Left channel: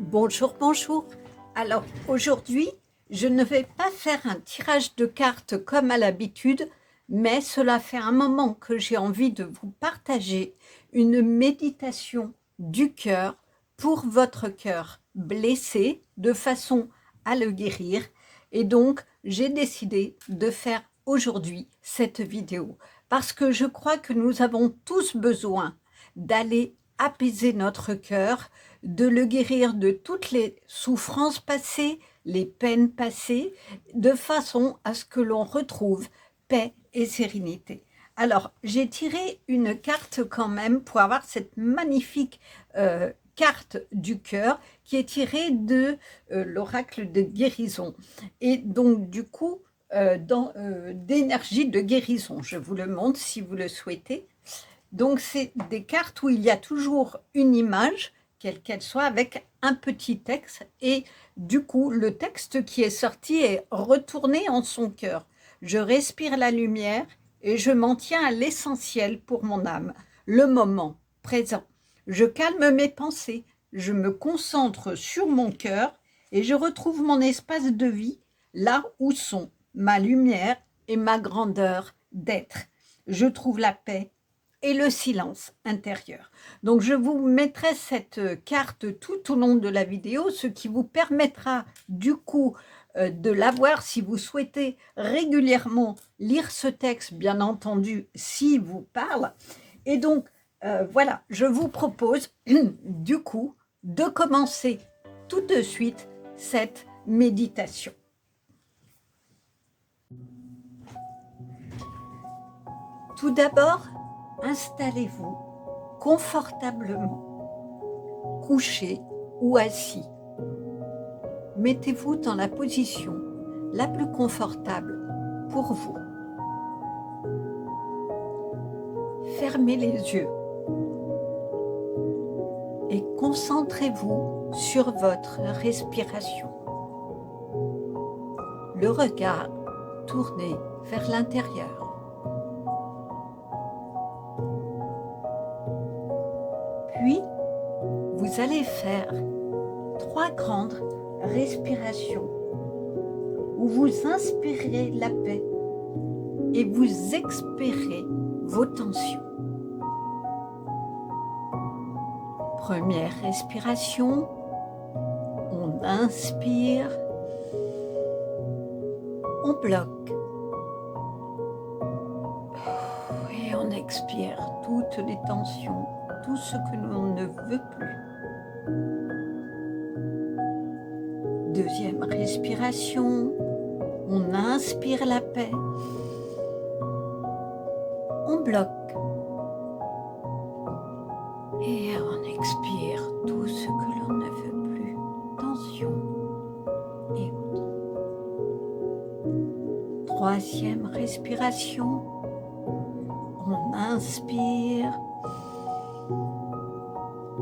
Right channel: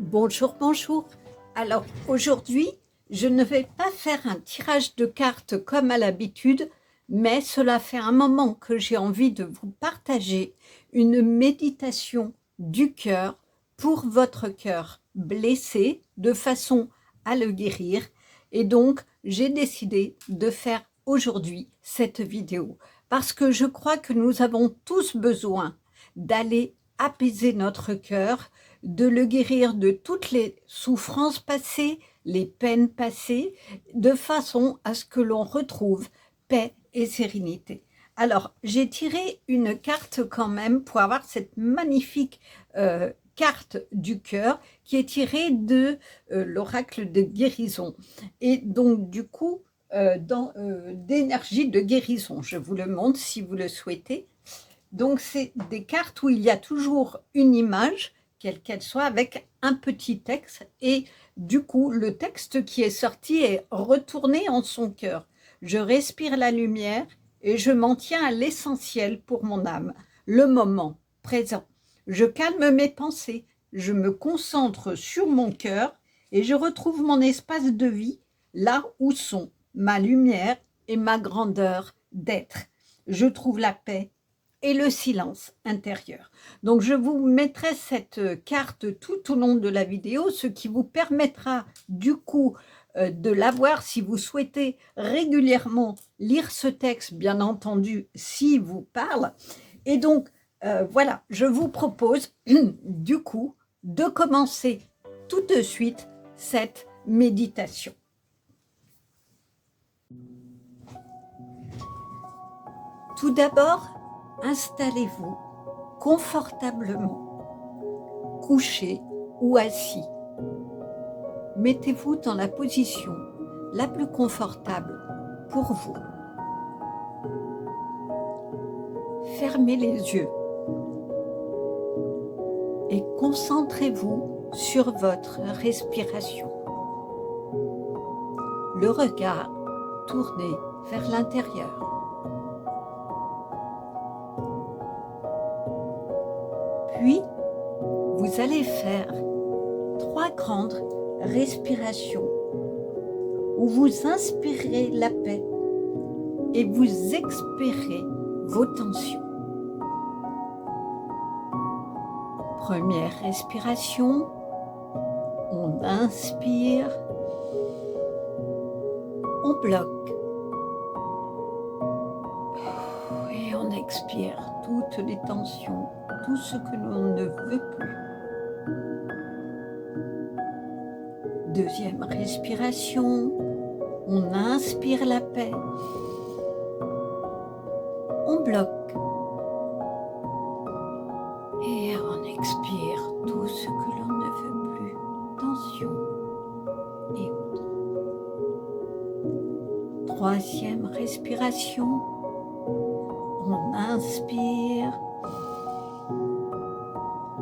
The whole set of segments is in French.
Bonjour, bonjour. Alors aujourd'hui, je ne vais pas faire un tirage de cartes comme à l'habitude, mais cela fait un moment que j'ai envie de vous partager une méditation du cœur pour votre cœur blessé de façon à le guérir. Et donc, j'ai décidé de faire aujourd'hui cette vidéo parce que je crois que nous avons tous besoin d'aller apaiser notre cœur, de le guérir de toutes les souffrances passées, les peines passées, de façon à ce que l'on retrouve paix et sérénité. Alors, j'ai tiré une carte quand même pour avoir cette magnifique carte du cœur qui est tirée de l'oracle de guérison. Et donc, du coup, d'énergie de guérison. Je vous le montre si vous le souhaitez. Donc, c'est des cartes où il y a toujours une image, quelle qu'elle soit, avec un petit texte. Et du coup, le texte qui est sorti est retourné en son cœur. Je respire la lumière et je m'en tiens à l'essentiel pour mon âme, le moment présent. Je calme mes pensées, je me concentre sur mon cœur et je retrouve mon espace de vie, là où sont ma lumière et ma grandeur d'être. Je trouve la paix et le silence intérieur. Donc, je vous mettrai cette carte tout au long de la vidéo, ce qui vous permettra du coup de l'avoir si vous souhaitez régulièrement lire ce texte, bien entendu, s'il vous parle. Et donc, voilà, je vous propose du coup de commencer tout de suite cette méditation. Tout d'abord, installez-vous confortablement, couché ou assis. Mettez-vous dans la position la plus confortable pour vous. Fermez les yeux et concentrez-vous sur votre respiration. Le regard tourné vers l'intérieur. Puis, vous allez faire 3 grandes respirations où vous inspirez la paix et vous expirez vos tensions. Première respiration, on inspire, on bloque et on expire toutes les tensions, tout ce que l'on ne veut plus. Deuxième respiration, on inspire la paix, on bloque et on expire tout ce que l'on ne veut plus, tension et autres. Troisième respiration, on inspire,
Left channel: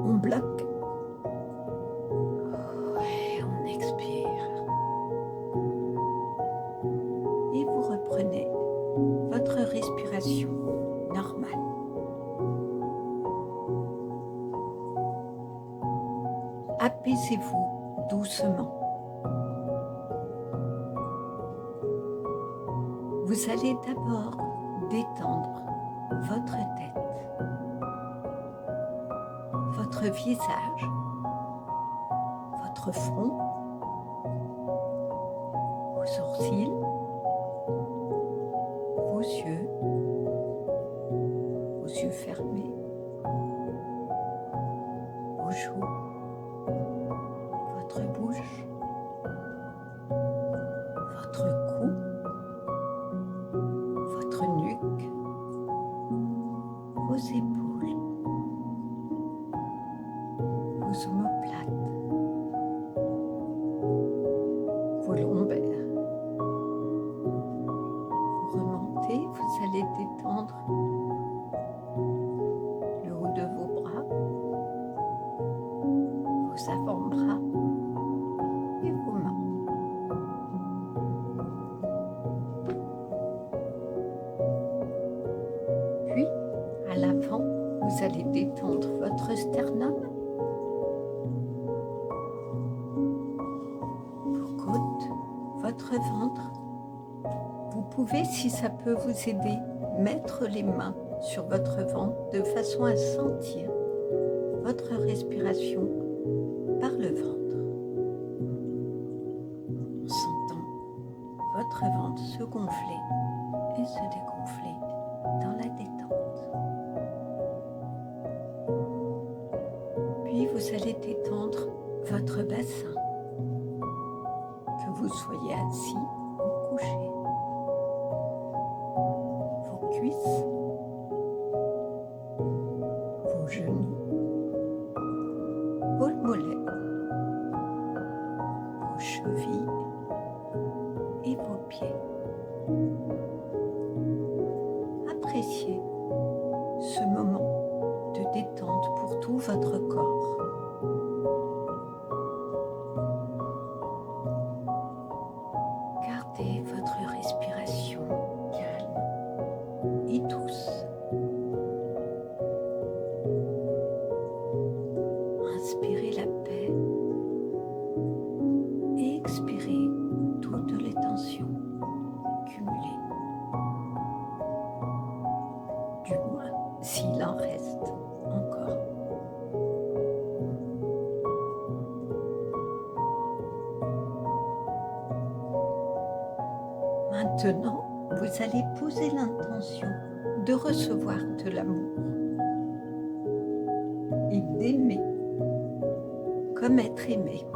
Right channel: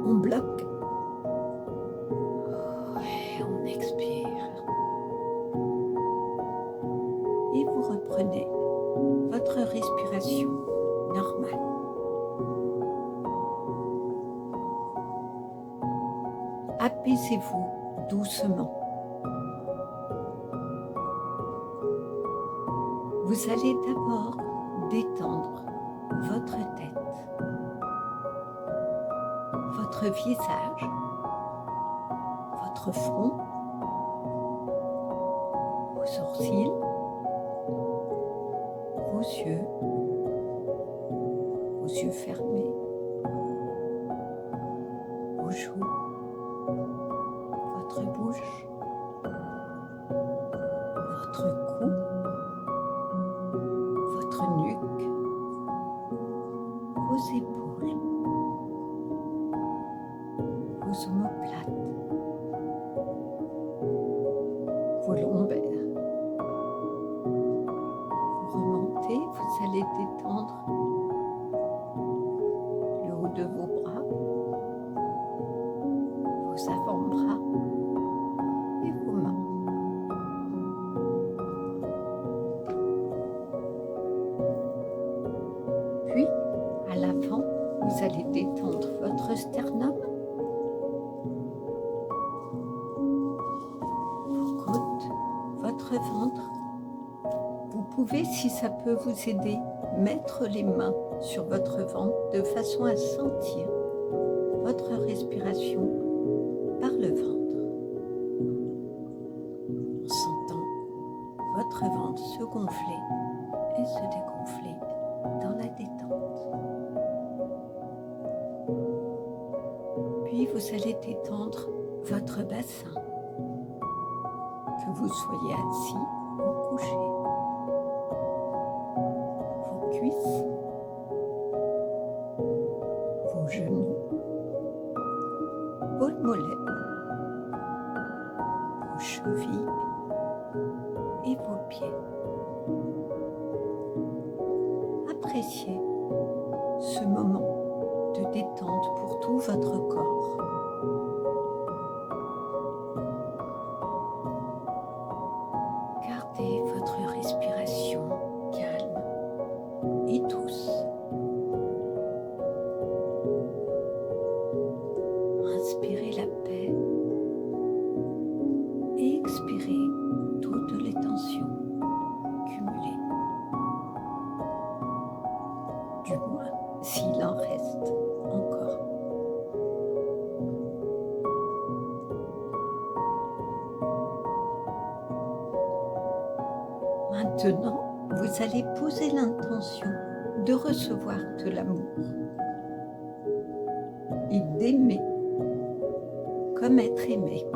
on bloque et on expire. Et vous reprenez votre respiration normale. Apaisez-vous doucement. Vous allez d'abord détendre votre tête, votre visage, votre front, vos sourcils, vos yeux fermés, vos joues, votre bouche, votre cou, votre nuque, vos épaules, vos omoplates, vos lombaires. Vous remontez, vous allez détendre le haut de vos bras, vos avant-bras et vos mains. Puis, à l'avant, vous allez détendre votre sternum, votre ventre. Vous pouvez, si ça peut vous aider, mettre les mains sur votre ventre de façon à sentir votre respiration par le ventre. En sentant votre ventre se gonfler et se dégonfler dans la détente. Puis vous allez détendre votre bassin, que vous soyez assis ou couché, vos cuisses, vos genoux, vos mollets, vos chevilles et vos pieds. Appréciez ce moment de détente pour tout votre corps. Gardez votre respiration calme et douce. Inspirez la paix et expirez toutes les tensions cumulées. Du moins, s'il en reste encore. Maintenant, vous allez poser l'intention de recevoir de l'amour et d'aimer comme être aimé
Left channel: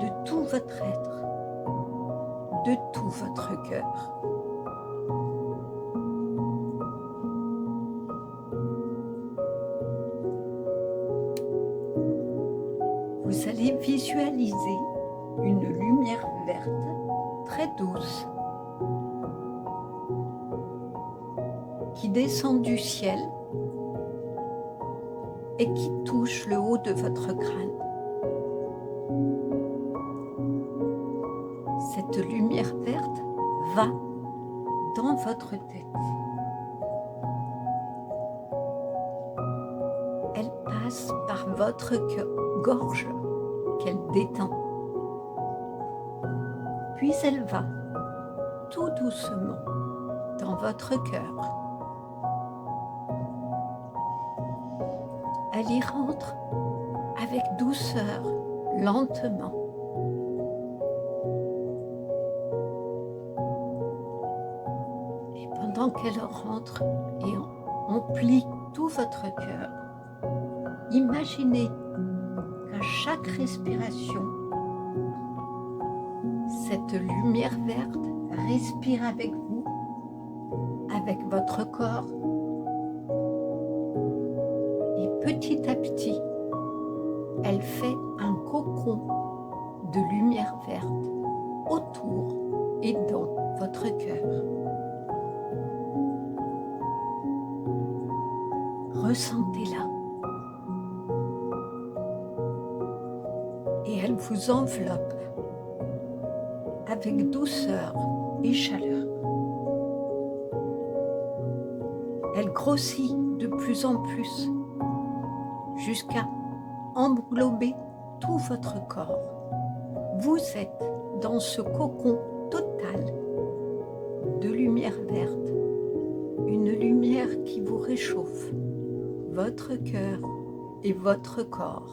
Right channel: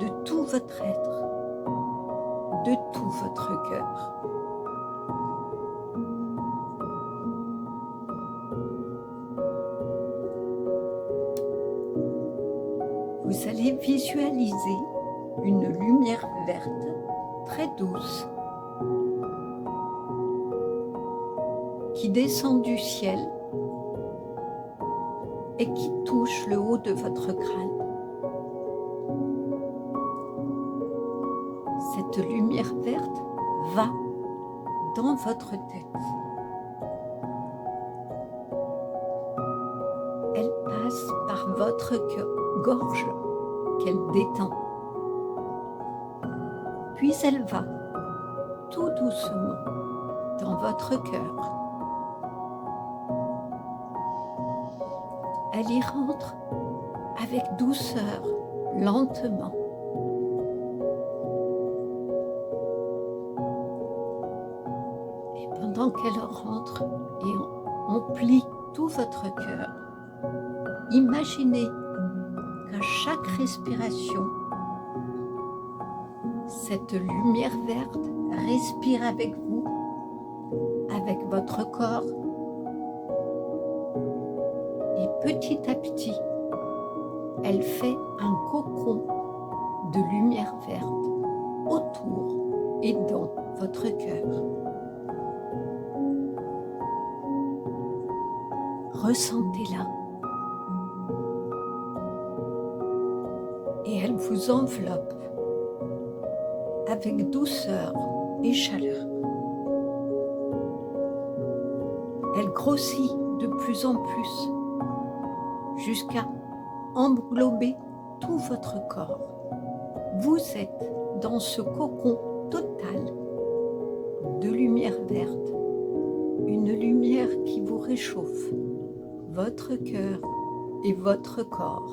de tout votre être, de tout votre cœur. Vous allez visualiser une lumière verte très douce qui descend du ciel et qui touche le haut de votre crâne. Cette lumière verte va dans votre tête. Elle passe par votre gorge qu'elle détend. Puis elle va tout doucement dans votre cœur. Elle y rentre avec douceur, lentement. Et pendant qu'elle rentre et emplit tout votre cœur, imaginez qu'à chaque respiration, cette lumière verte respire avec vous, avec votre corps. Et petit à petit, elle fait un cocon de lumière verte autour et dans votre cœur. Ressentez-la. Et elle vous enveloppe avec douceur et chaleur. Elle grossit de plus en plus jusqu'à englober tout votre corps. Vous êtes dans ce cocon total de lumière verte, une lumière qui vous réchauffe, votre cœur et votre corps.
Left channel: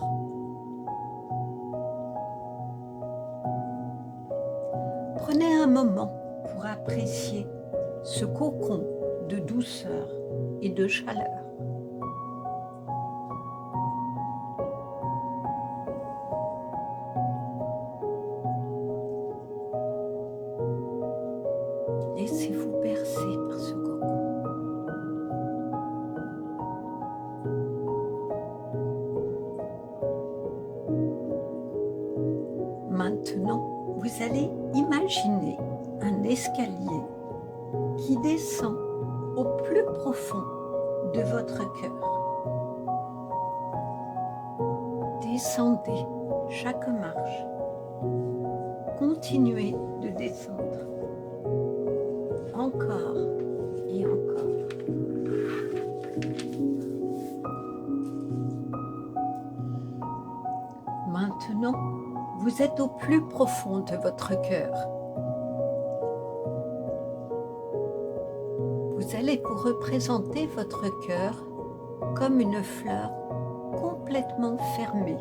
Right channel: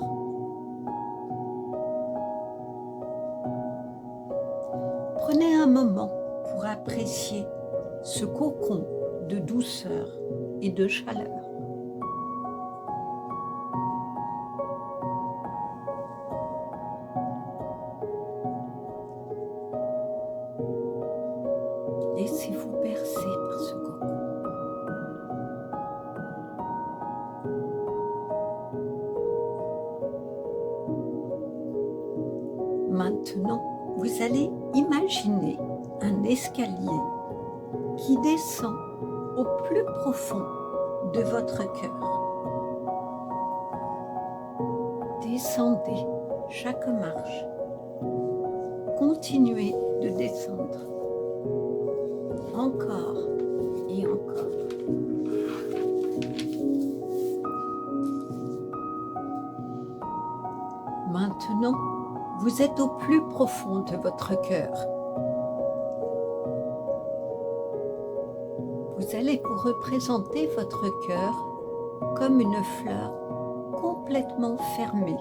Prenez un moment pour apprécier ce cocon de douceur et de chaleur. Laissez-vous bercer par ce cocon. Maintenant, vous allez imaginer un escalier qui descend au plus profond de votre cœur. Descendez chaque marche. Continuez de descendre. Encore et encore. Maintenant, Vous êtes au plus profond de votre cœur. Vous allez vous représenter votre cœur comme une fleur complètement fermée,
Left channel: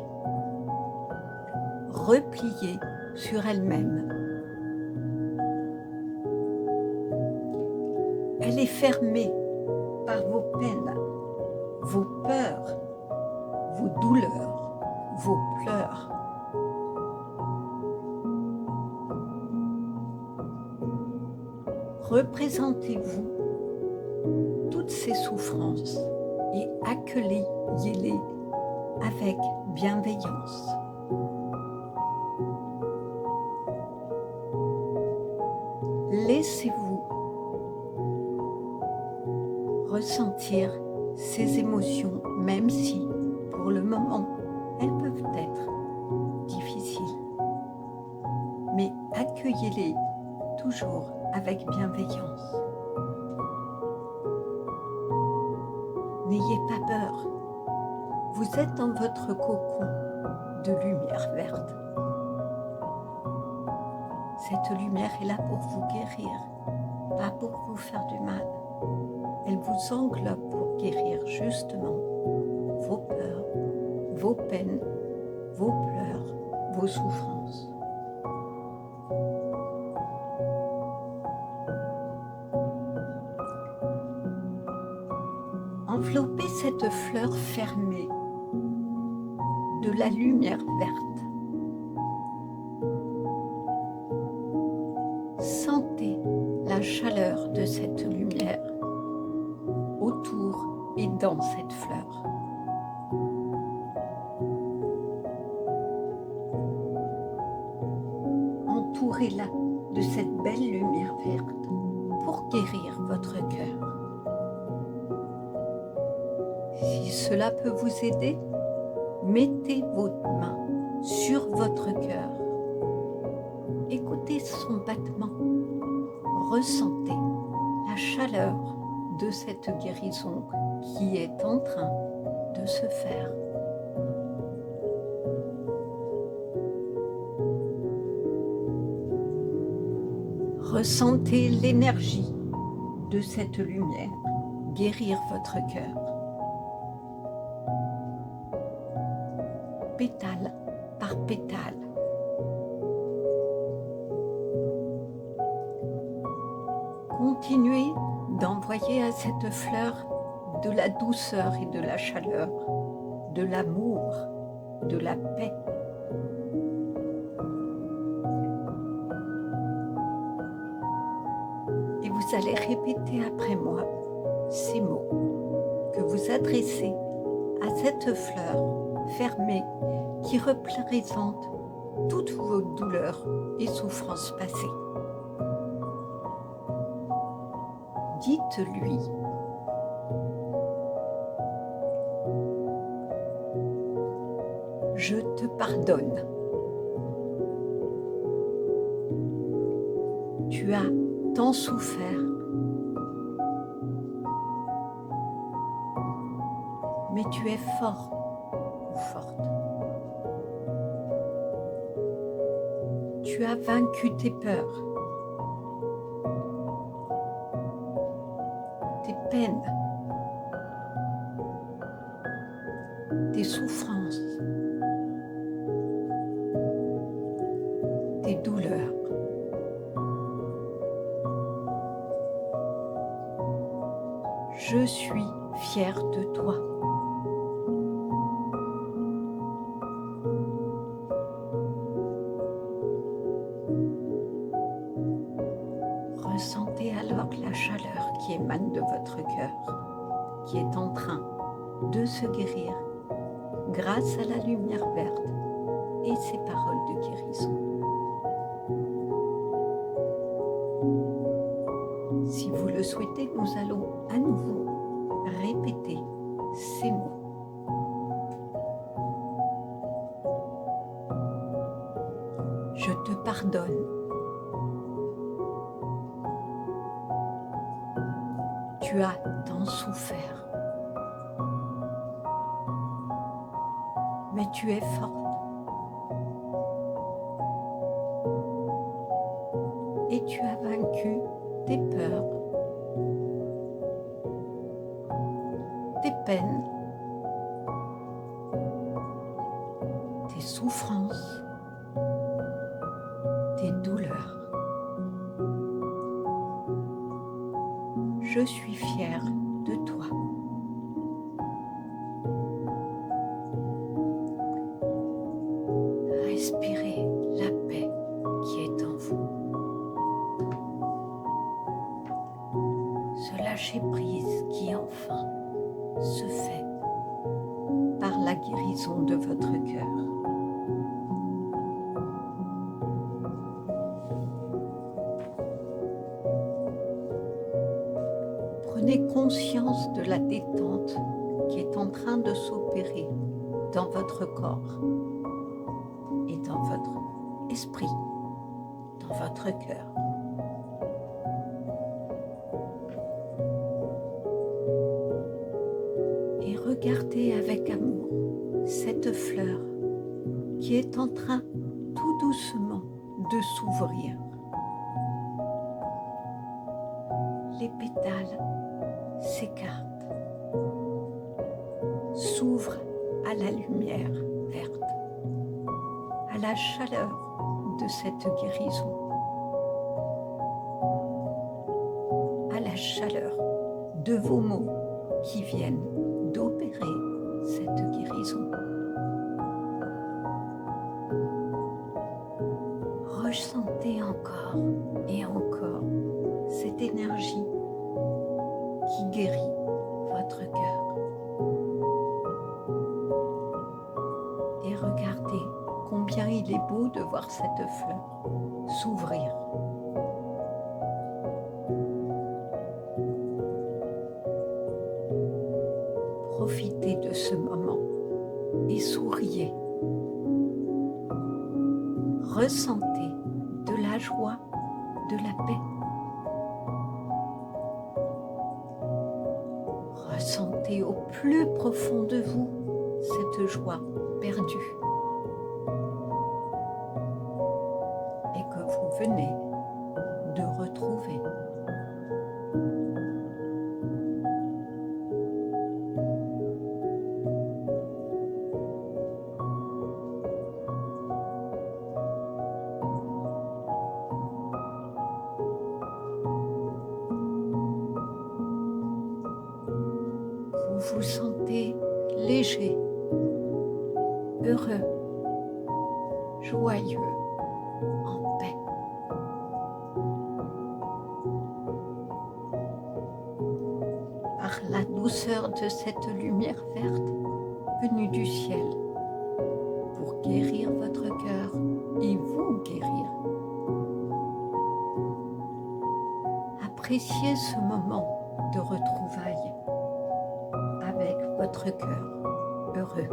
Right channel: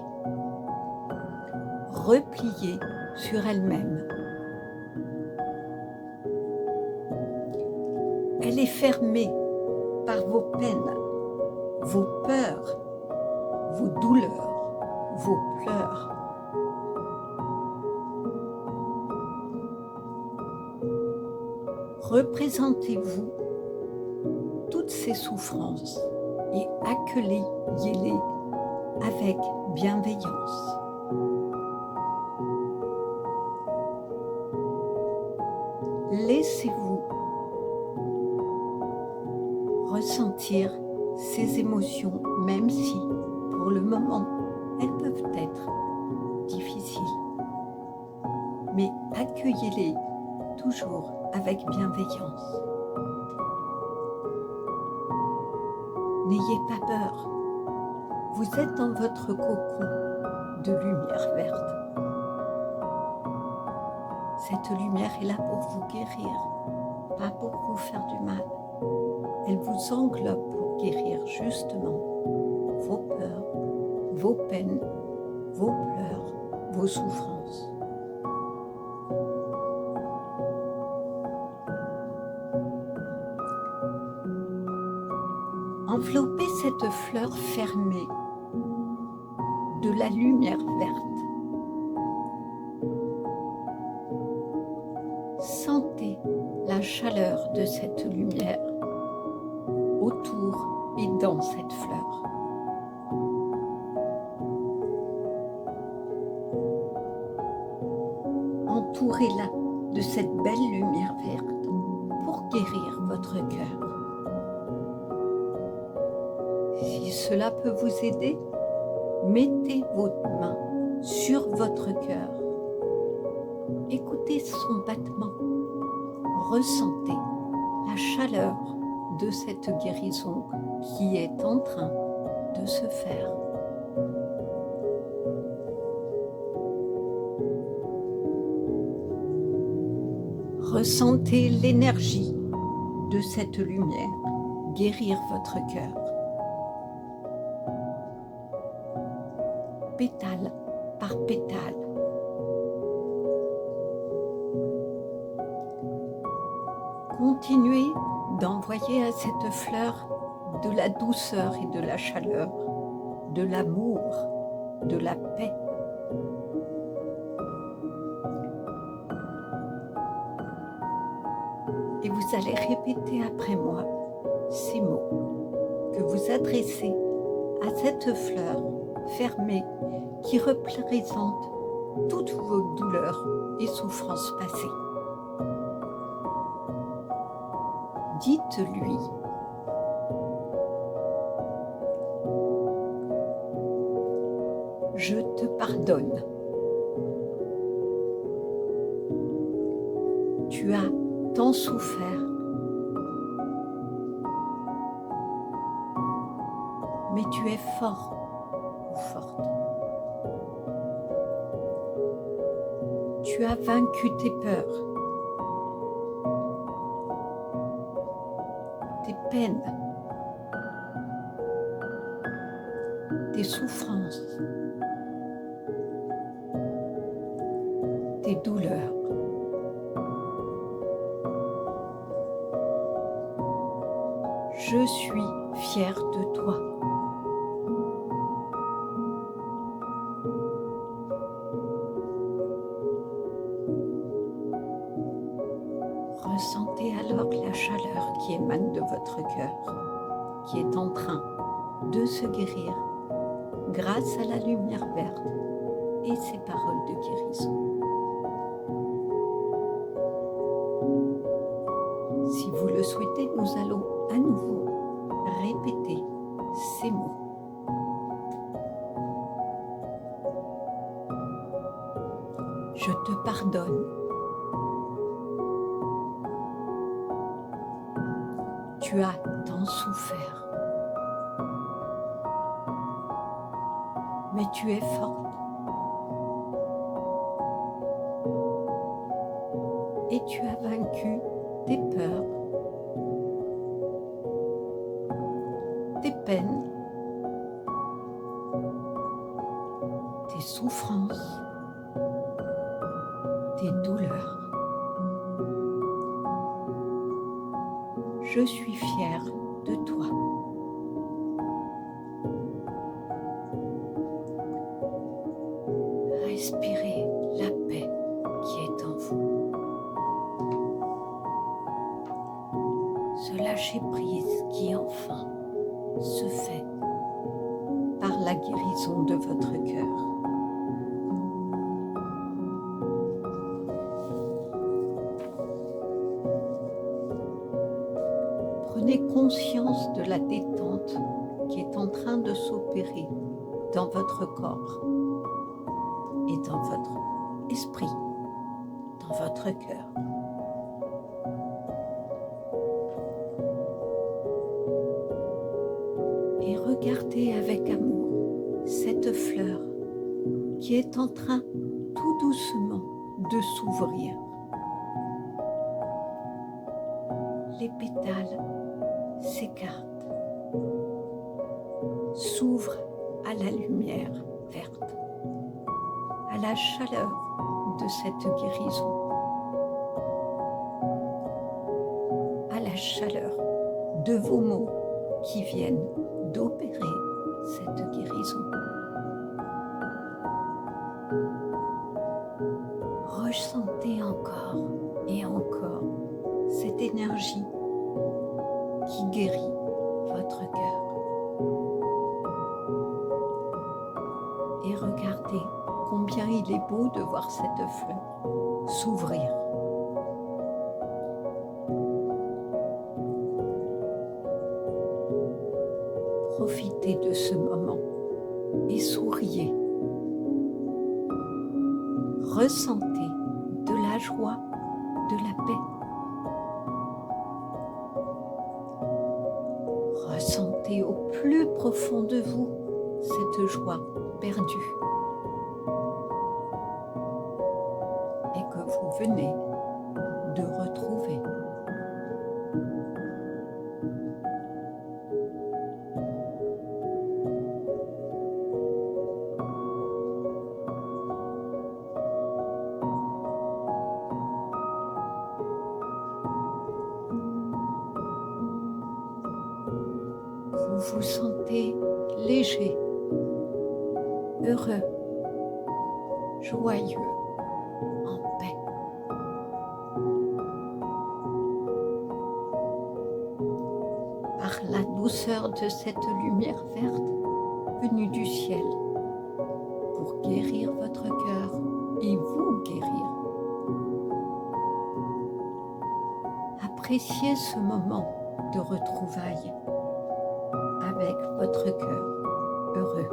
repliée sur elle-même. Elle est fermée par vos peines, vos peurs, vos douleurs, vos pleurs. Représentez-vous toutes ces souffrances et accueillez-les avec bienveillance. Laissez-vous ressentir ces émotions, même si, pour le moment, elles peuvent être difficiles. Mais accueillez-les toujours avec bienveillance. N'ayez pas peur. Vous êtes dans votre cocon de lumière verte. Cette lumière est là pour vous guérir, pas pour vous faire du mal. Elle vous englobe pour guérir justement vos peurs, vos peines, vos pleurs, vos souffrances. Enveloppez cette fleur fermée de la lumière verte. Sentez la chaleur de cette lumière autour et dans cette fleur. Entourez-la de cette belle lumière verte pour guérir votre cœur. Si cela peut vous aider, mettez votre main sur votre cœur. Écoutez son battement. Ressentez la chaleur de cette guérison qui est en train de se faire. Ressentez l'énergie de cette lumière guérir votre cœur. Pétale par pétale. Continuez d'envoyer à cette fleur de la douceur et de la chaleur, de l'amour, de la paix. Et vous allez répéter après moi ces mots que vous adressez à cette fleur fermée qui représente toutes vos douleurs et souffrances passées. Dites-lui: je te pardonne. Tu as tant souffert, mais tu es fort ou forte. Tu as vaincu tes peurs, tes peines, tes souffrances, tes douleurs. Je suis fière de toi. Ressentez alors la chaleur qui émane de votre cœur, qui est en train de se guérir grâce à la lumière verte et ses paroles de guérison. Si vous le souhaitez, nous allons à nouveau répéter ces mots. Je te pardonne. Tu as tant souffert, mais tu es forte. et tu as vaincu tes peurs, tes peines, tes souffrances, tes douleurs. Je suis fière de toi. Respirez la paix qui est en vous. Ce lâcher-prise qui enfin se fait par la guérison de votre cœur. Prenez conscience de la détente qui est en train de s'opérer dans votre corps et dans votre esprit, dans votre cœur. Et regardez avec amour cette fleur qui est en train tout doucement de s'ouvrir. Les pétales s'écartent, s'ouvrent à la lumière verte, à la chaleur de cette guérison, à la chaleur de vos mots qui viennent d'opérer cette guérison. Ressentez encore et encore cette énergie qui guérit votre cœur. Et regardez combien il est beau de voir cette fleur s'ouvrir. Profitez de ce moment et souriez. Ressentez de la joie, de la paix. Ressentez au plus profond de vous cette joie perdue et que vous venez de retrouver. Vous vous sentez léger, heureux, joyeux, en paix. Par la douceur de cette lumière verte venue du ciel, pour guérir votre cœur et vous guérir. Appréciez ce moment de retrouvailles avec votre cœur heureux.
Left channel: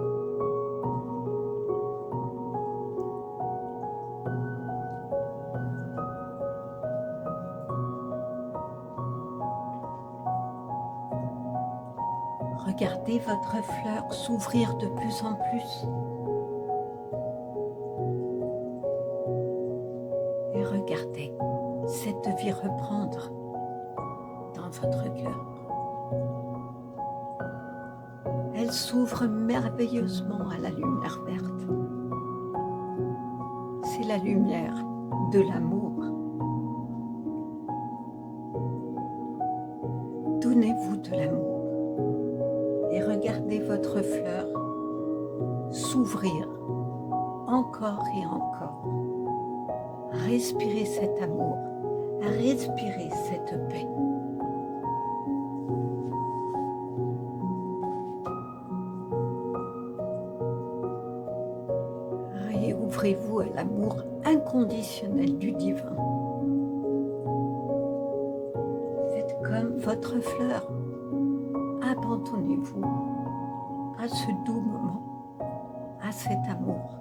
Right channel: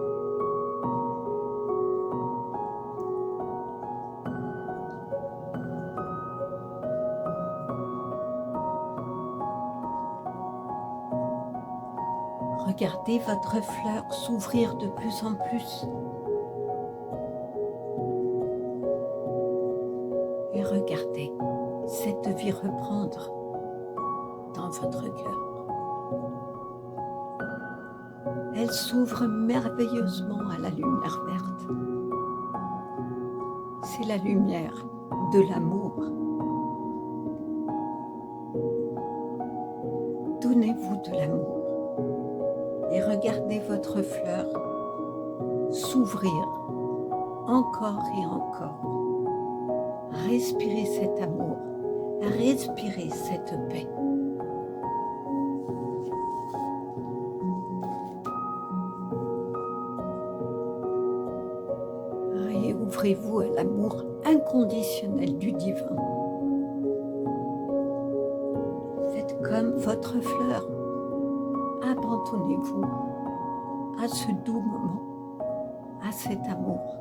Regardez votre fleur s'ouvrir de plus en plus. Et regardez cette vie reprendre dans votre cœur. Elle s'ouvre merveilleusement à la lumière verte. C'est la lumière de l'amour. Donnez-vous de l'amour et regardez votre fleur s'ouvrir encore et encore. Respirez cet amour, respirez cette paix. Réouvrez-vous à l'amour inconditionnel du divin. Faites comme votre fleur. Abandonnez-vous à ce doux moment, à cet amour,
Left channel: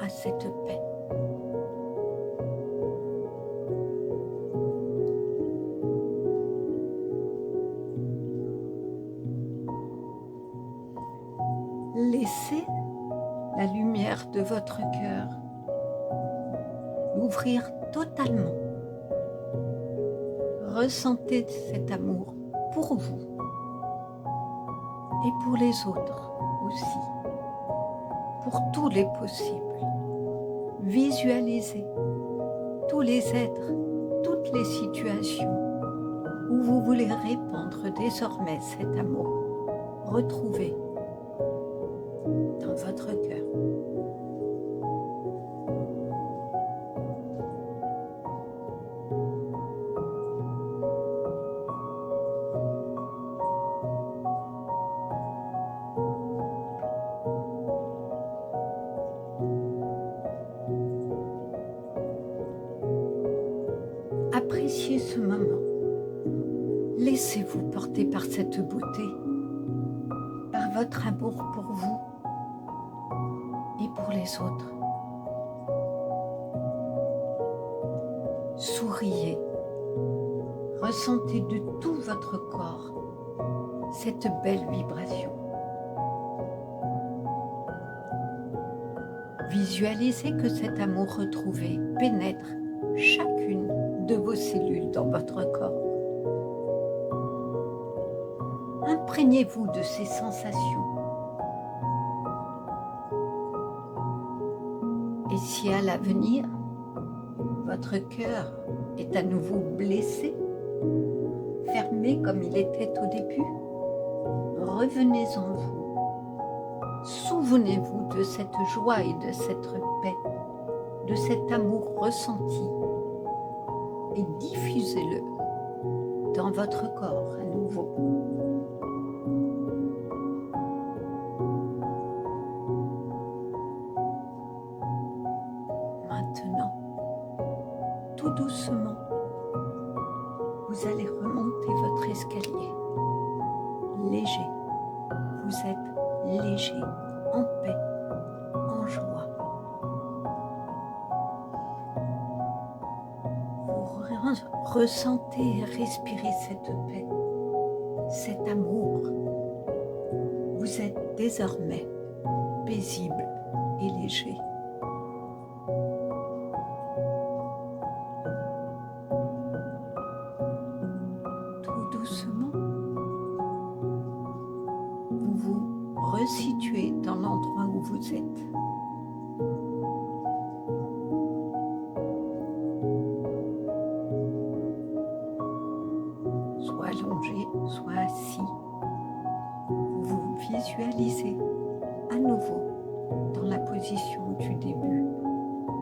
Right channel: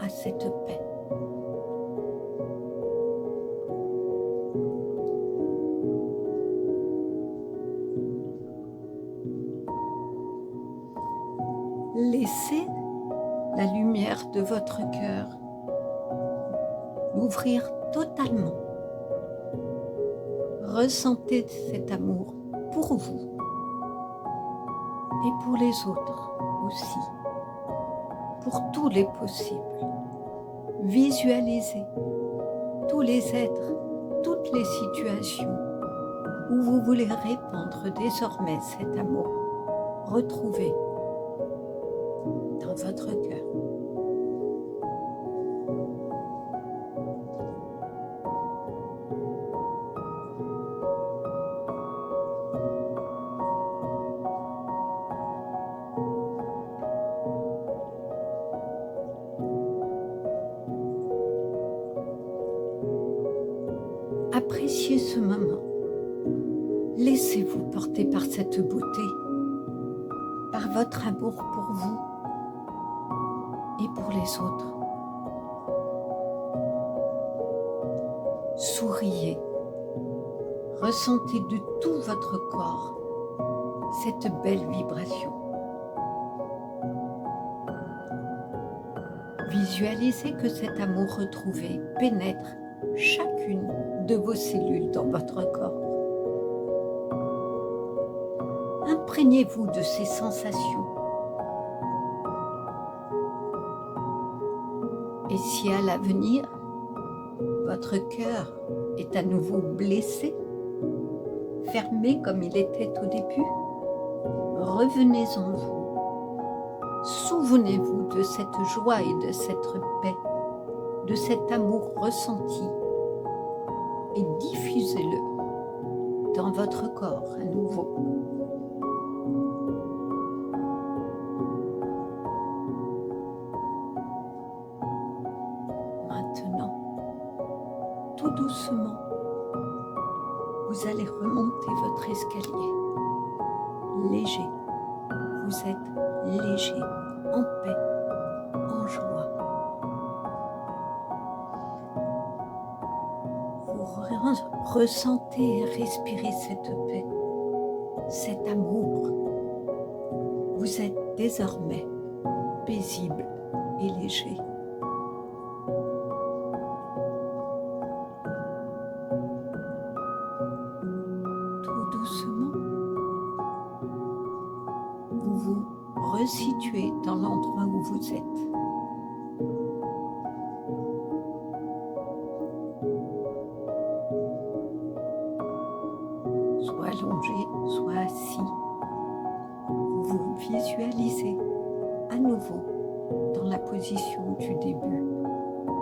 à cette paix. Laissez la lumière de votre cœur l'ouvrir totalement. Ressentez cet amour pour vous et pour les autres aussi, pour tous les possibles. Visualisez tous les êtres, toutes les situations où vous voulez répandre désormais cet amour. Retrouvez dans votre cœur. Appréciez ce moment. Laissez-vous porter par cette beauté, par votre amour pour vous et pour les autres. Souriez, ressentez de tout votre corps cette belle vibration. Visualisez que cet amour retrouvé pénètre chacune de vos cellules dans votre corps. Imprégnez-vous de ces sensations. Et si à l'avenir, votre cœur est à nouveau blessé, fermé comme il était au début, revenez en vous. Souvenez-vous de cette joie et de cette paix, de cet amour ressenti, et diffusez-le dans votre corps à nouveau. Maintenant, tout doucement, vous allez remonter votre escalier. Léger, vous êtes léger, en paix, en joie. Vous ressentez et respirez cette paix, cet amour. Vous êtes désormais paisible et léger. Tout doucement, vous vous resituez dans l'endroit où vous êtes. Soit allongé, soit assis. Vous vous visualisez à nouveau dans la position du début.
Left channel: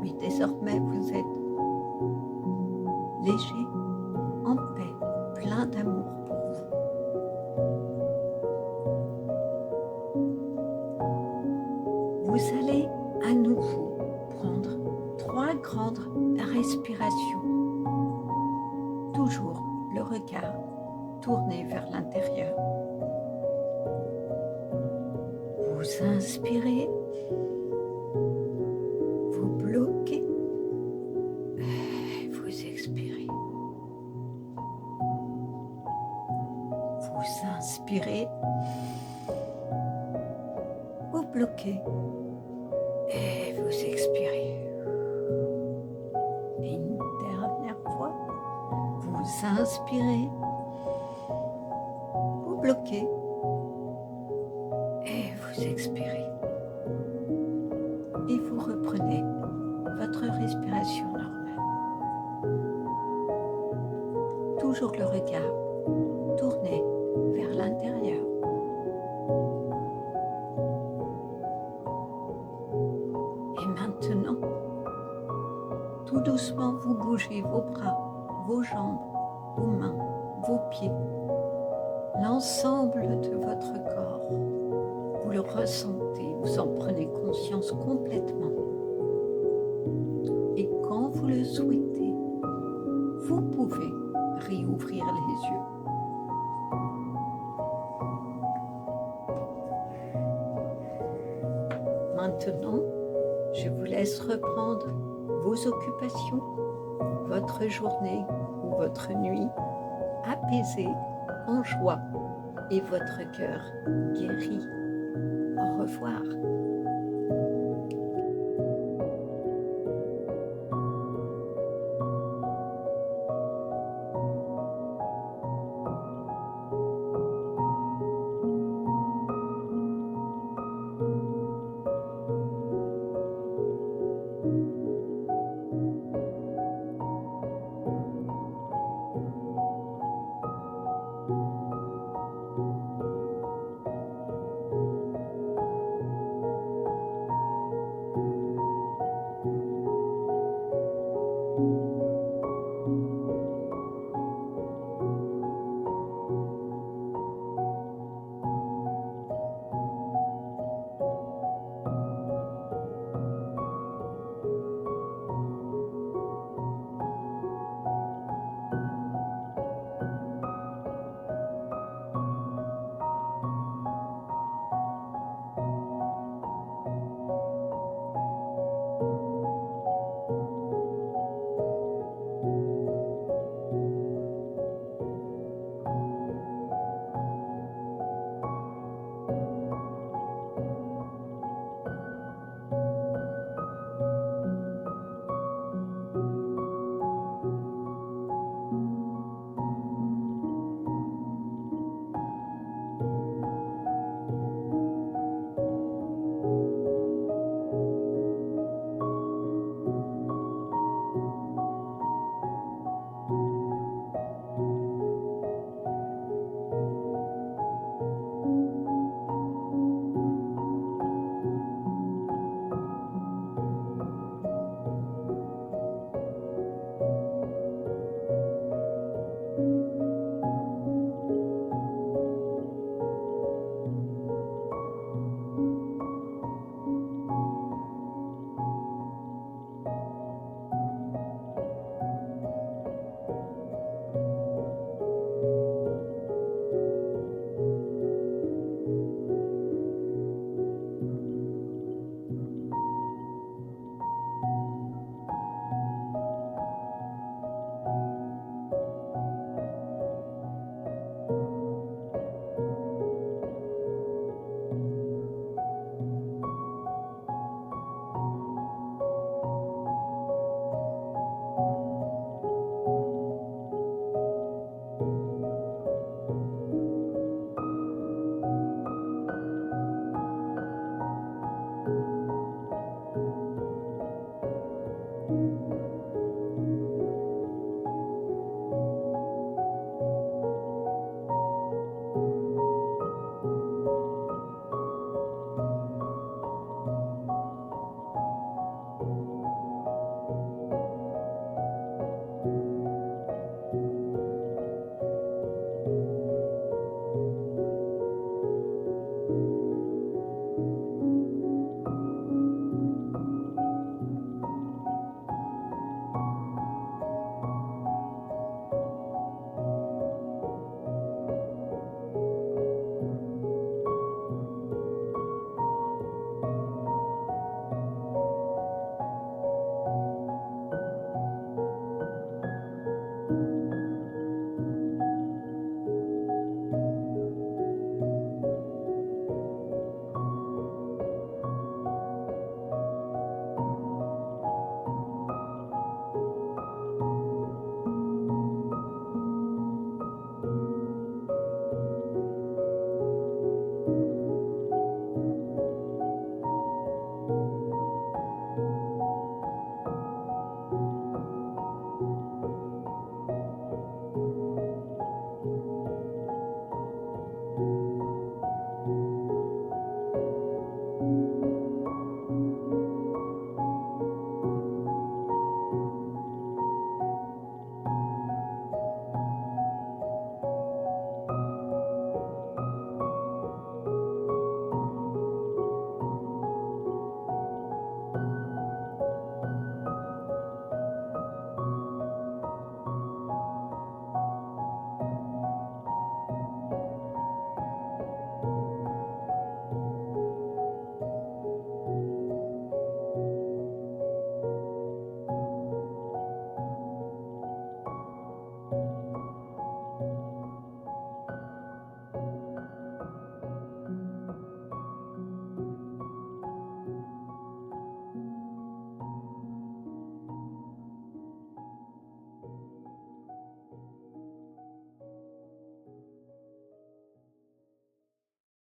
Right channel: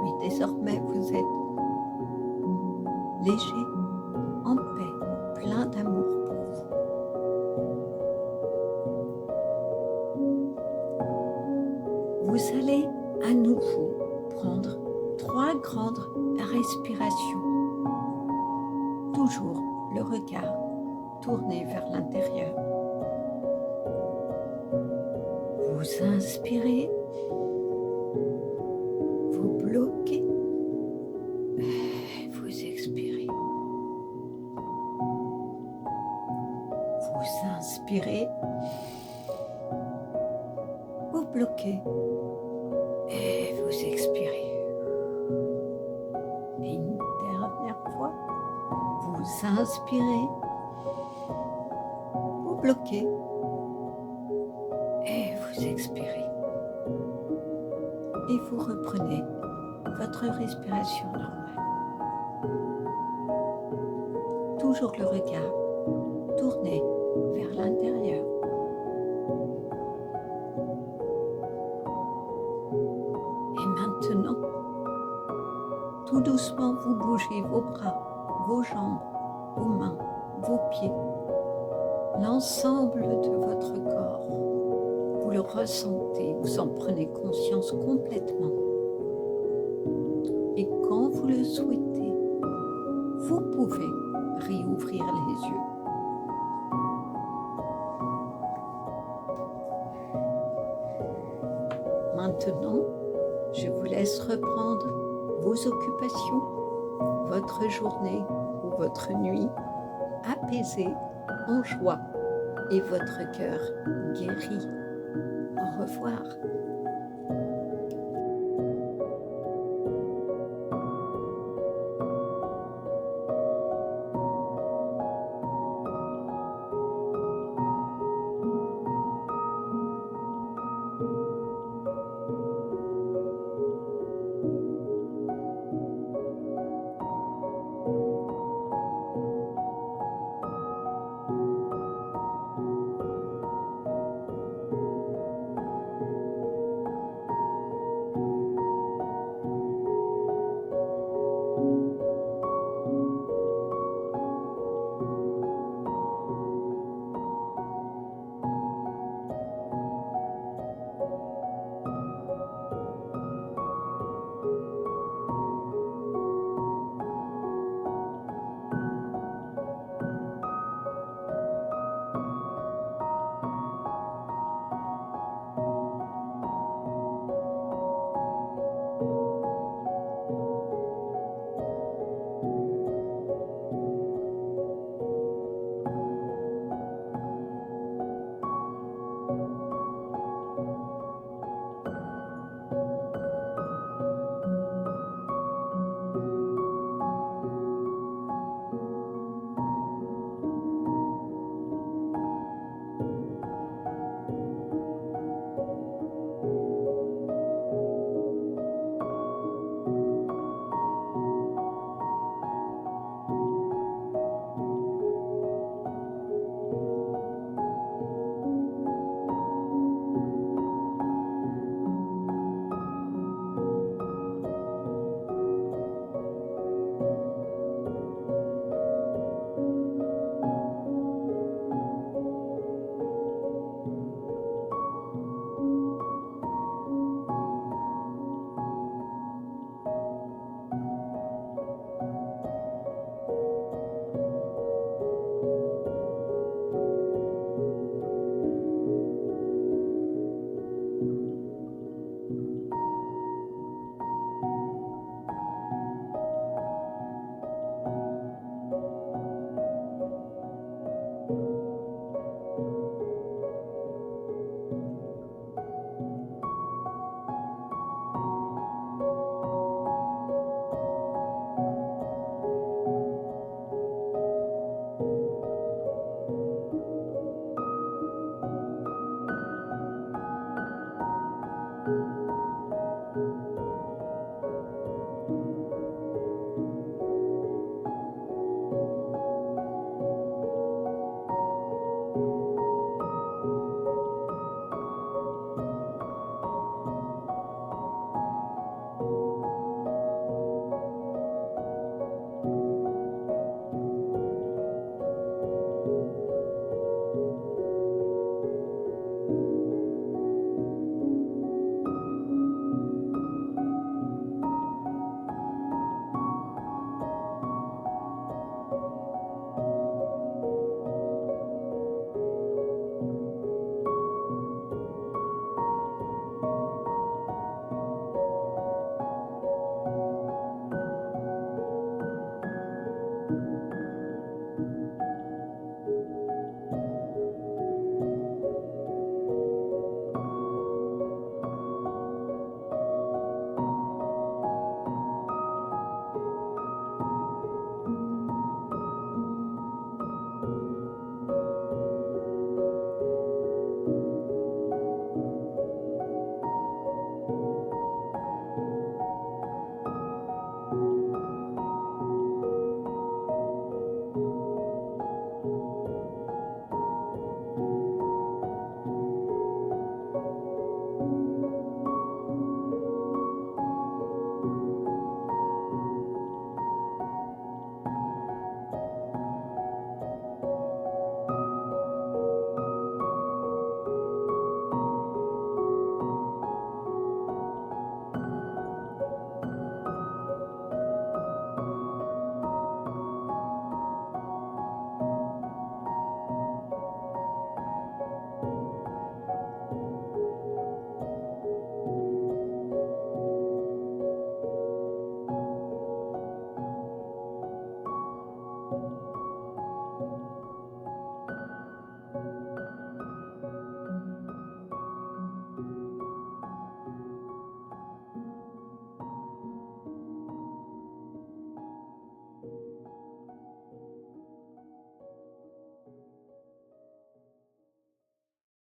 Mais désormais, vous êtes léger, en paix, plein d'amour pour vous. Vous allez à nouveau prendre 3 grandes respirations. Toujours le regard tourné vers l'intérieur. Vous inspirez, vous bloquez, vous expirez. Vous inspirez, vous bloquez et vous expirez. Et une dernière fois, vous inspirez, vous bloquez et vous expirez. Et vous reprenez votre respiration normale. Toujours le regard tourné vers l'intérieur. Et maintenant, tout doucement, vous bougez vos bras, vos jambes, vos mains, vos pieds, l'ensemble de votre corps. Vous le ressentez, vous en prenez conscience complètement. Et quand vous le souhaitez, vous pouvez réouvrir les yeux. Maintenant, je vous laisse reprendre vos occupations, votre journée ou votre nuit, apaisée, en joie, et votre cœur guéri. Au revoir.